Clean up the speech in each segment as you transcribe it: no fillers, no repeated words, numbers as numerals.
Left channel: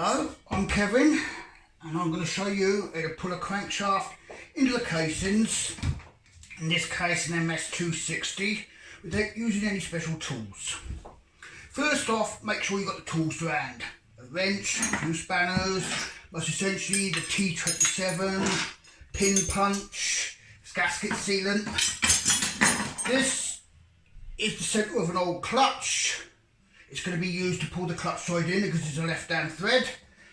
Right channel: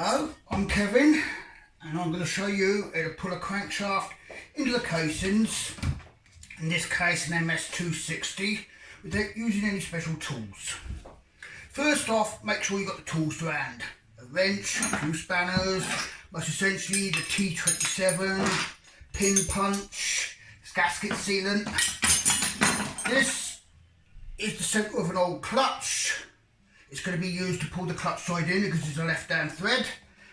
Hello, I'm Kevin and I'm going to show you how to pull a crankshaft into the casings, in this case an MS260, without using any special tools. First off, make sure you've got the tools to hand. A wrench, 2 spanners, most essentially the T27, pin punch, gasket sealant. This is the centre of an old clutch. It's going to be used to pull the clutch side in because it's a left-hand thread,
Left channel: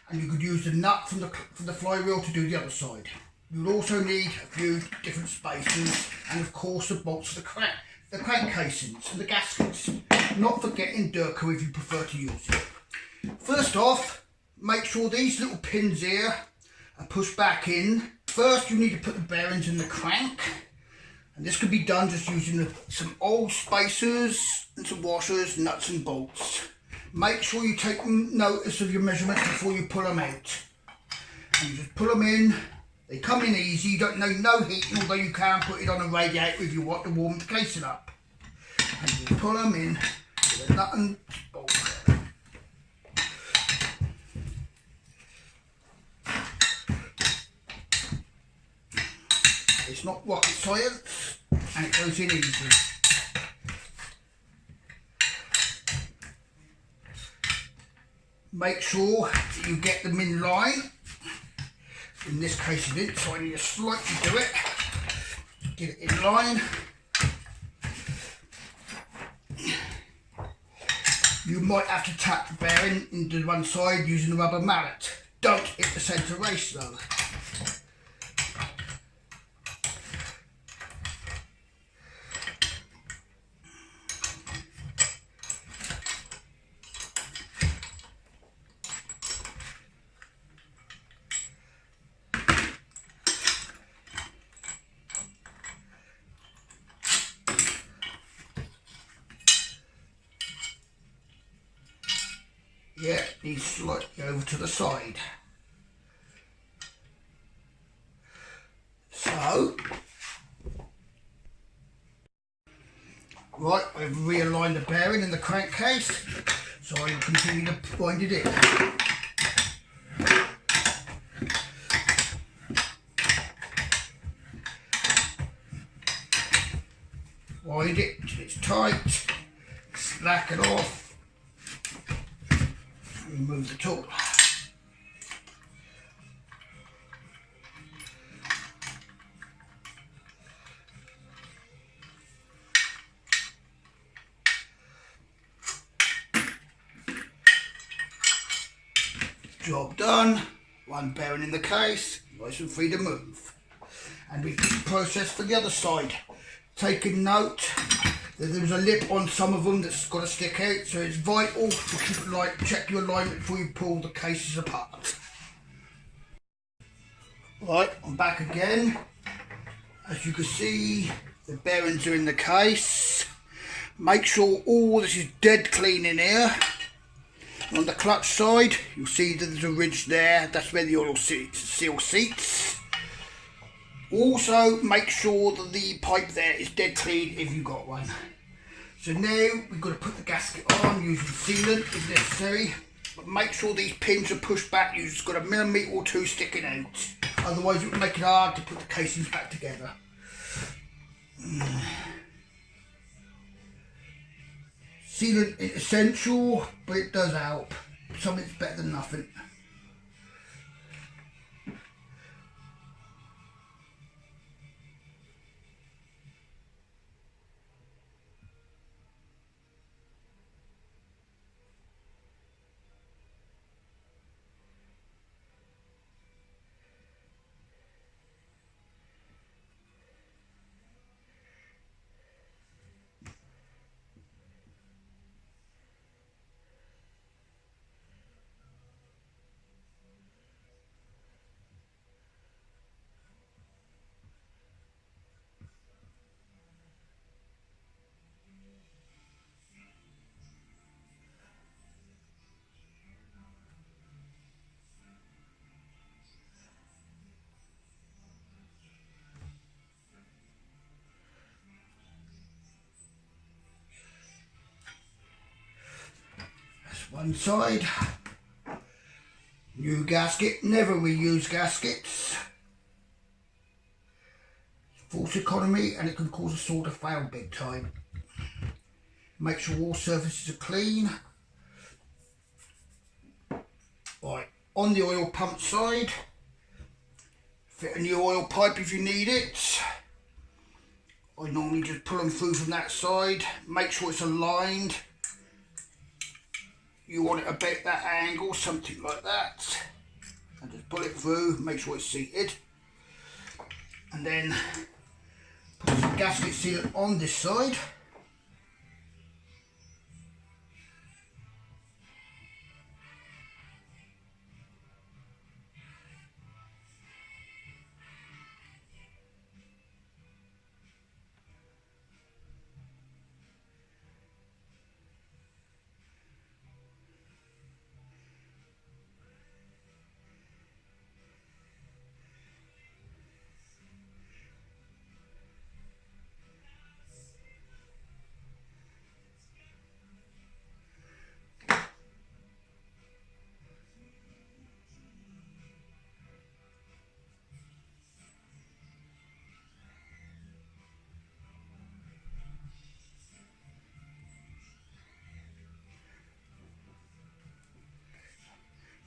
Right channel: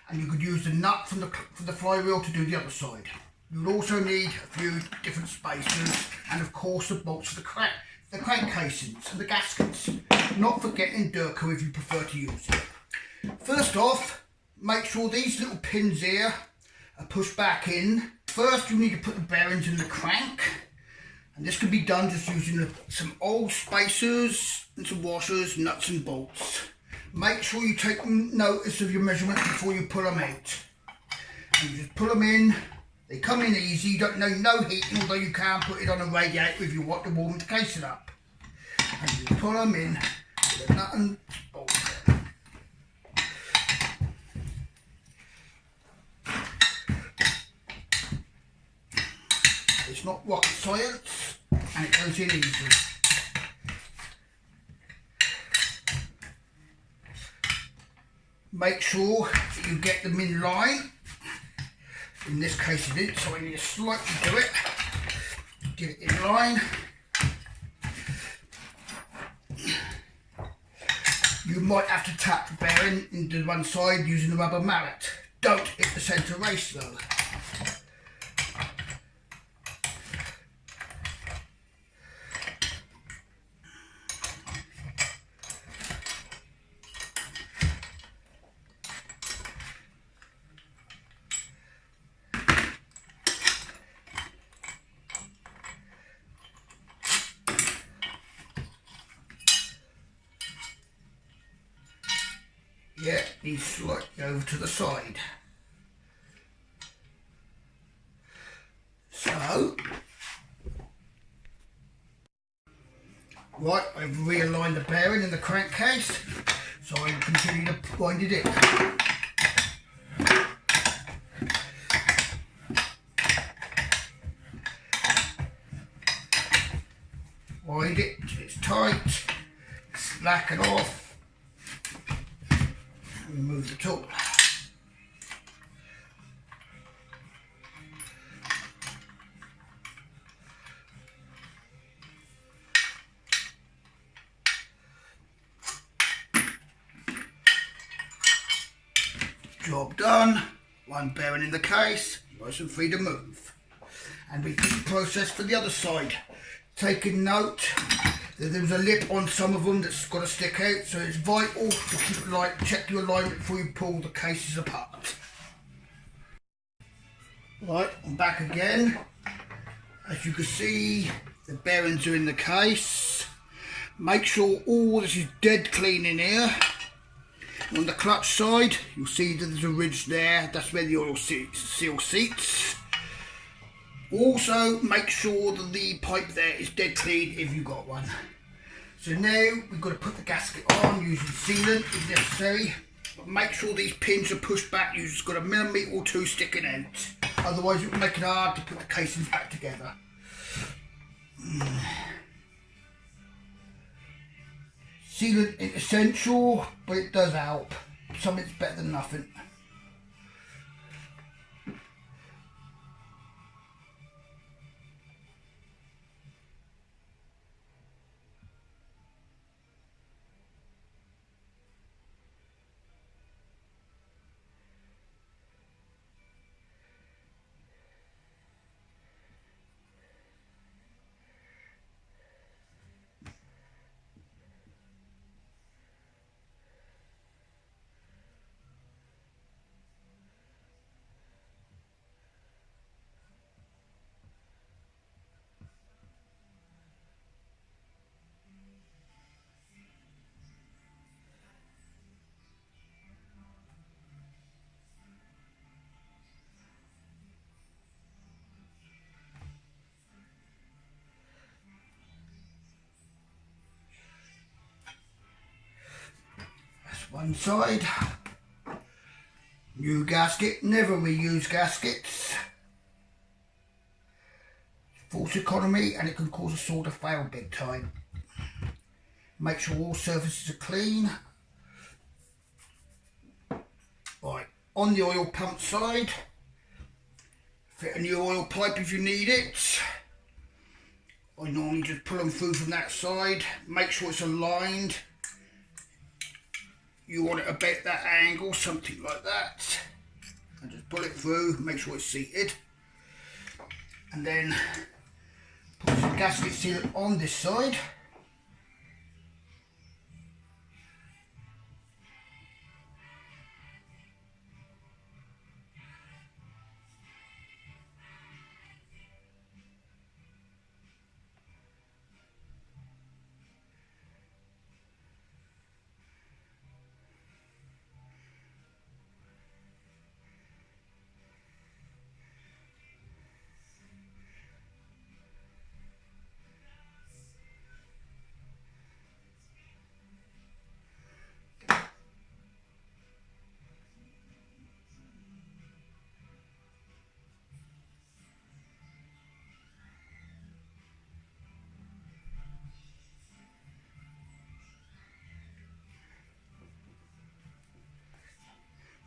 and you could use the nut from the flywheel to do the other side. You'll also need a few different spacers and of course the bolts for the crank casings and the gaskets, not forgetting Durco if you prefer to use it. First off, make sure these little pins here are pushed back in. First you need to put the bearings in the crank, and this can be done just using some old spacers and some washers, nuts and bolts. Make sure you take notice of your measurements before you pull them out. And you just pull them in. They come in easy, you don't need no heating, although you can put it on a radiator if you want to warm the casing up. And you pull them in with a nut and bolt. It's not rocket science, and it goes in easily. Make sure that you get them in line. In this case it didn't, so I need to slightly do it. Get it in line. You might have to tap the bearing into one side using the rubber mallet. Don't hit the centre race though. Yeah, these slightly over to the side. So, right, I've realigned the bearing in the crankcase, so I will continue to wind it in. Wind it till it's tight, slack it off. Remove the tool. Job done. One bearing in the case, nice and free to move. And repeat the process for the other side. Taking note that there was a lip on some of them that's got to stick out, so it's vital to keep it light, check your alignment before you pull the cases apart. Right, I'm back again. As you can see, the bearings are in the case. Make sure all this is dead clean in here. And on the clutch side, you'll see that there's a ridge there. That's where the oil seal seats. Also, make sure that the pipe there is dead clean if you've got one. So now we've got to put the gasket on using sealant if necessary. But make sure these pins are pushed back. You've just got a millimetre or 2 sticking out. Otherwise it will make it hard to put the casings back together. Sealant is essential, but it does help. Something's better than nothing. one side. New gasket, never reuse gaskets. False economy, and it can cause a saw to fail big time. Make sure all surfaces are clean. Right, on the oil pump side, fit a new oil pipe if you need it. I normally just pull them through from that side. Make sure it's aligned. You want it about that angle, something like that. And just pull it through, make sure it's seated. And then put some gasket sealant on this side.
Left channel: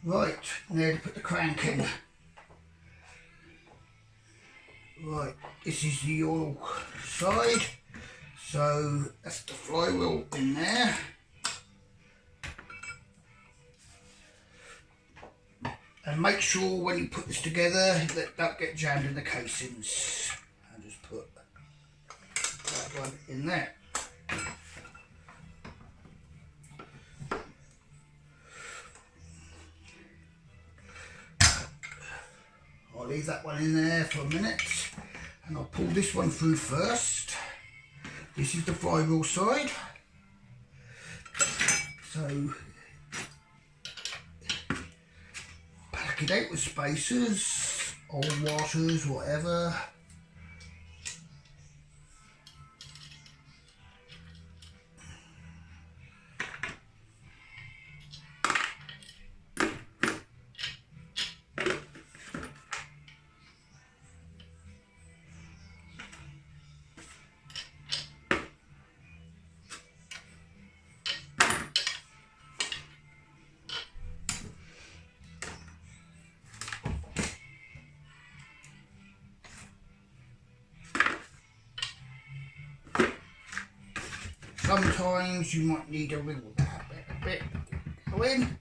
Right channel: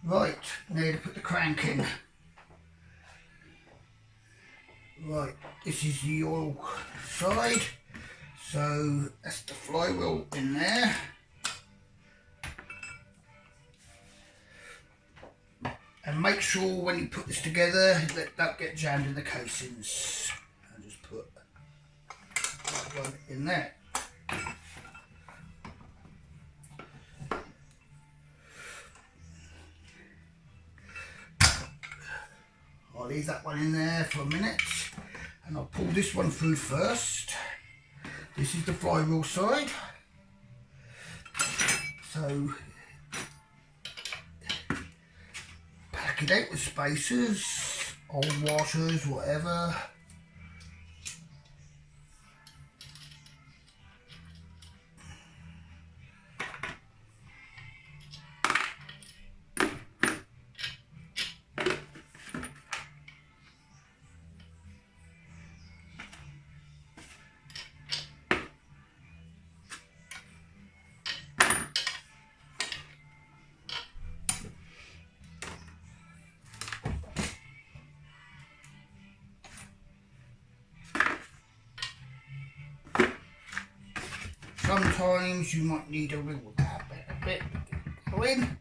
Right, now to put the crank in. Right, this is the oil side, so that's the flywheel in there. And make sure when you put this together that that get jammed in the casings. I'll just put that one in there. I'll leave that one in there for a minute, and I'll pull this one through first. This is the flywheel side. So pack it out with spacers, old washers, whatever. Sometimes you might need to wiggle that a bit. Go in.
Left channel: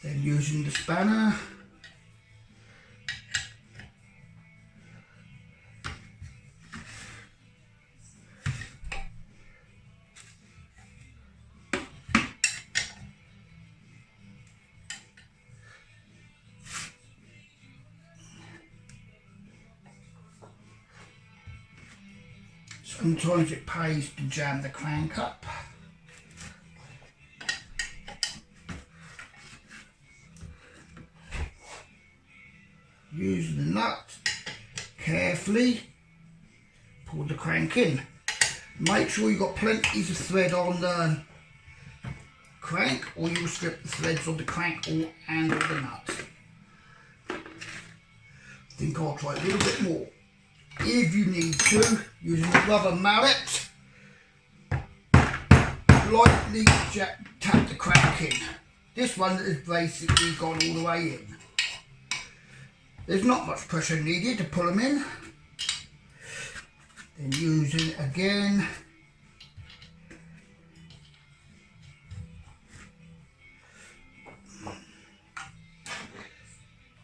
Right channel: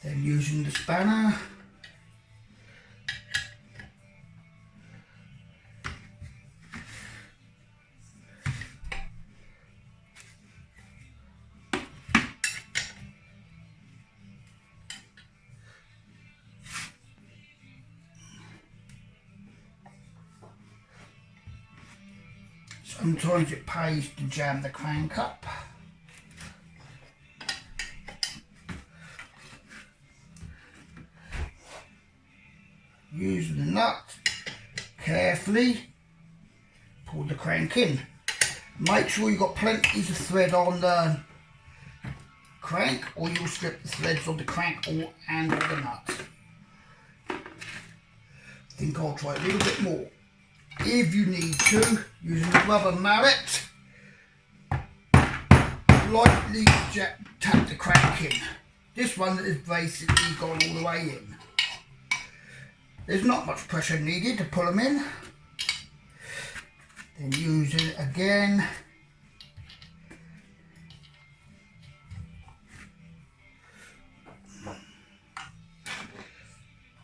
Then using the spanner, sometimes it pays to jam the crank up. Using the nut, carefully pull the crank in. Make sure you've got plenty of thread on the crank, or you'll strip the threads on the crank or and on the nut. I think I'll try a little bit more. If you need to, using a rubber mallet, lightly tap the crank in. This one has basically gone all the way in. There's not much pressure needed to pull them in. Then use it again.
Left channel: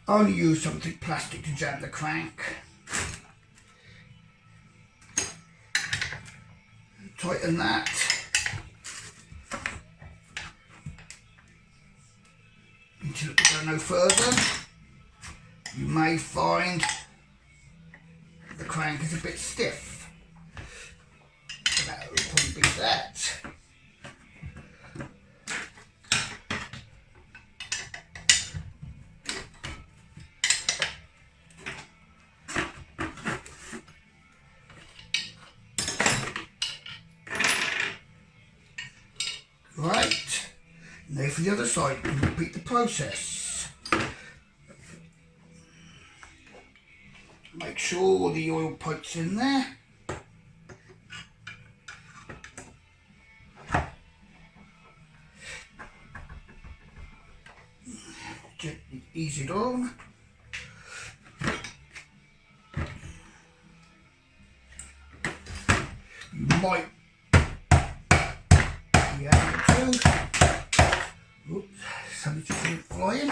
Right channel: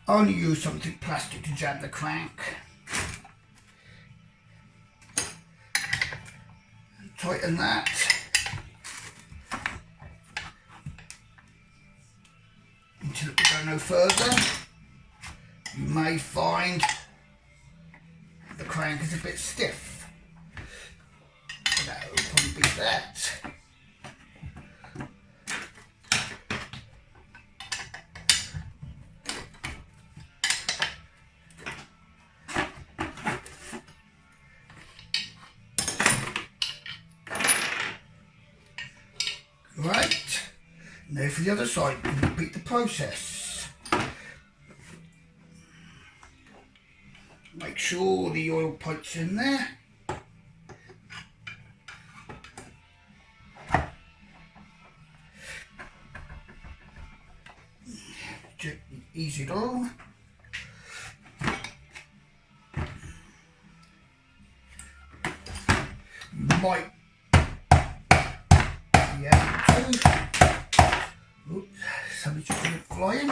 Only use something plastic to jam the crank. Tighten that. to go no further, you may find the crank is a bit stiff. So that will probably be that. Right, now for the other side, you repeat the process. Make sure the oil pipe's in there. Gently ease it on. You might oops, something just went flying.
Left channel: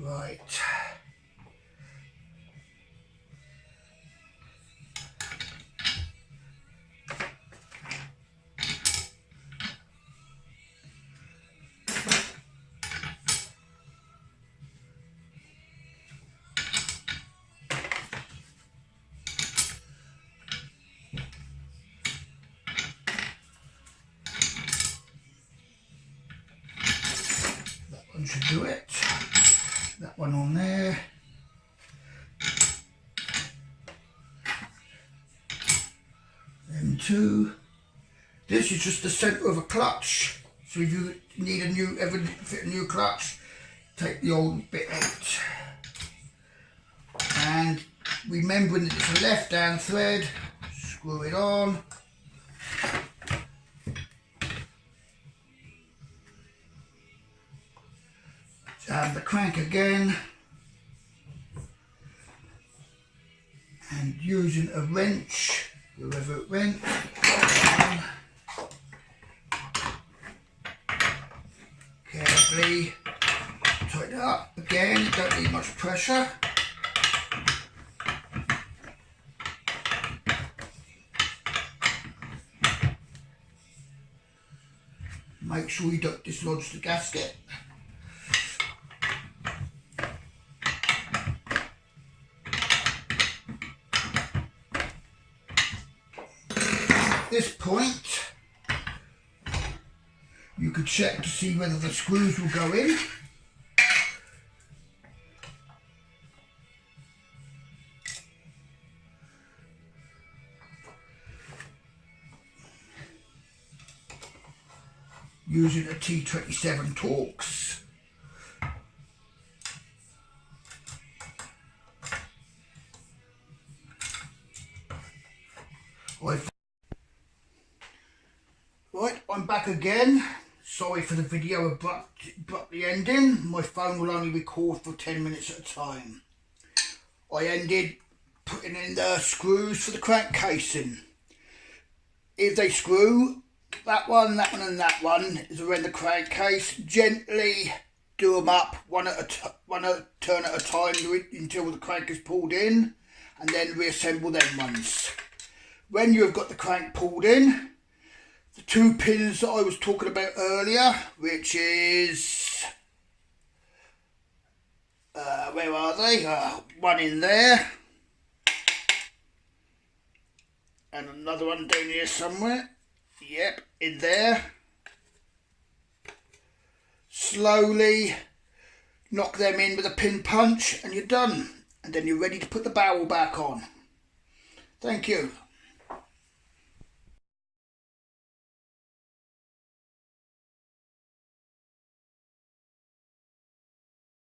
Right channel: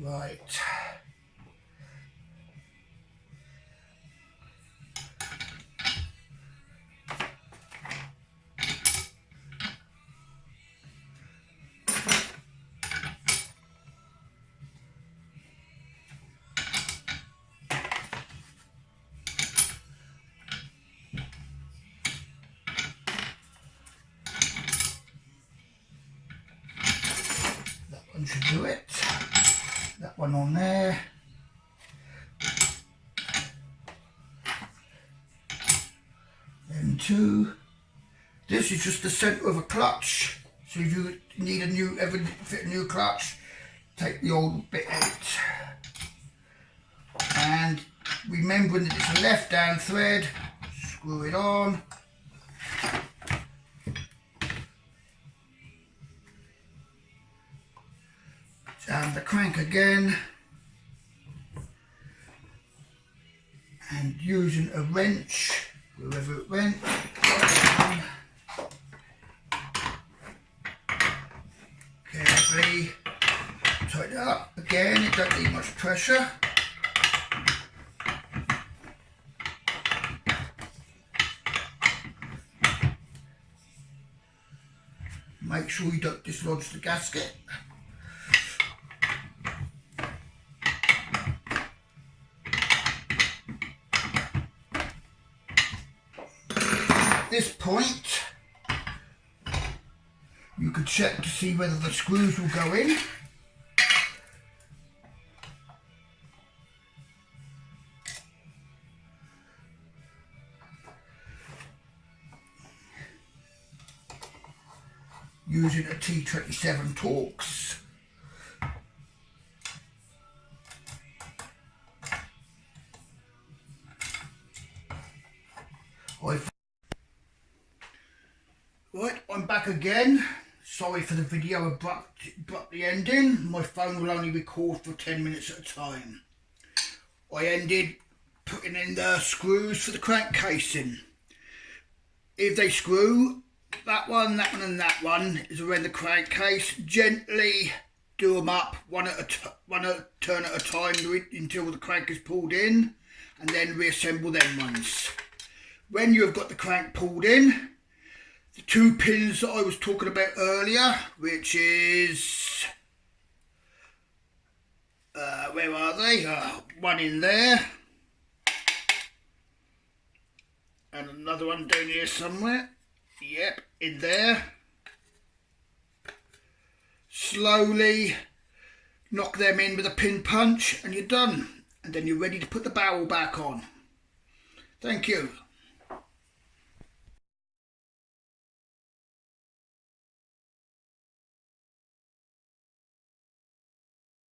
Right. Should do it. That one on there. Them two. This is just the centre of a clutch. So if you need ever fit a new clutch, take the old bit out. And remembering that it's a left-hand thread, screw it on. The crank again, and using a wrench, wherever it went, carefully tighten it up. Again, you don't need much pressure. Make sure you don't dislodge the gasket. At this point, you could check to see whether the screws will go in. Using a T27 Torx. Right, I'm back again. Sorry for the video abruptly ending. My phone will only record for 10 minutes at a time. I ended putting in the screws for the crank casing. If they screw, that one and that one is around the crankcase. Gently do them up one turn at a time until the crank is pulled in, and then reassemble them ones. When you have got the crank pulled in, the two pins that I was talking about earlier, which is where are they? One in there and another one down here somewhere. Yep, in there. Slowly knock them in with a pin punch and you're done. And then you're ready to put the barrel back on. Thank you.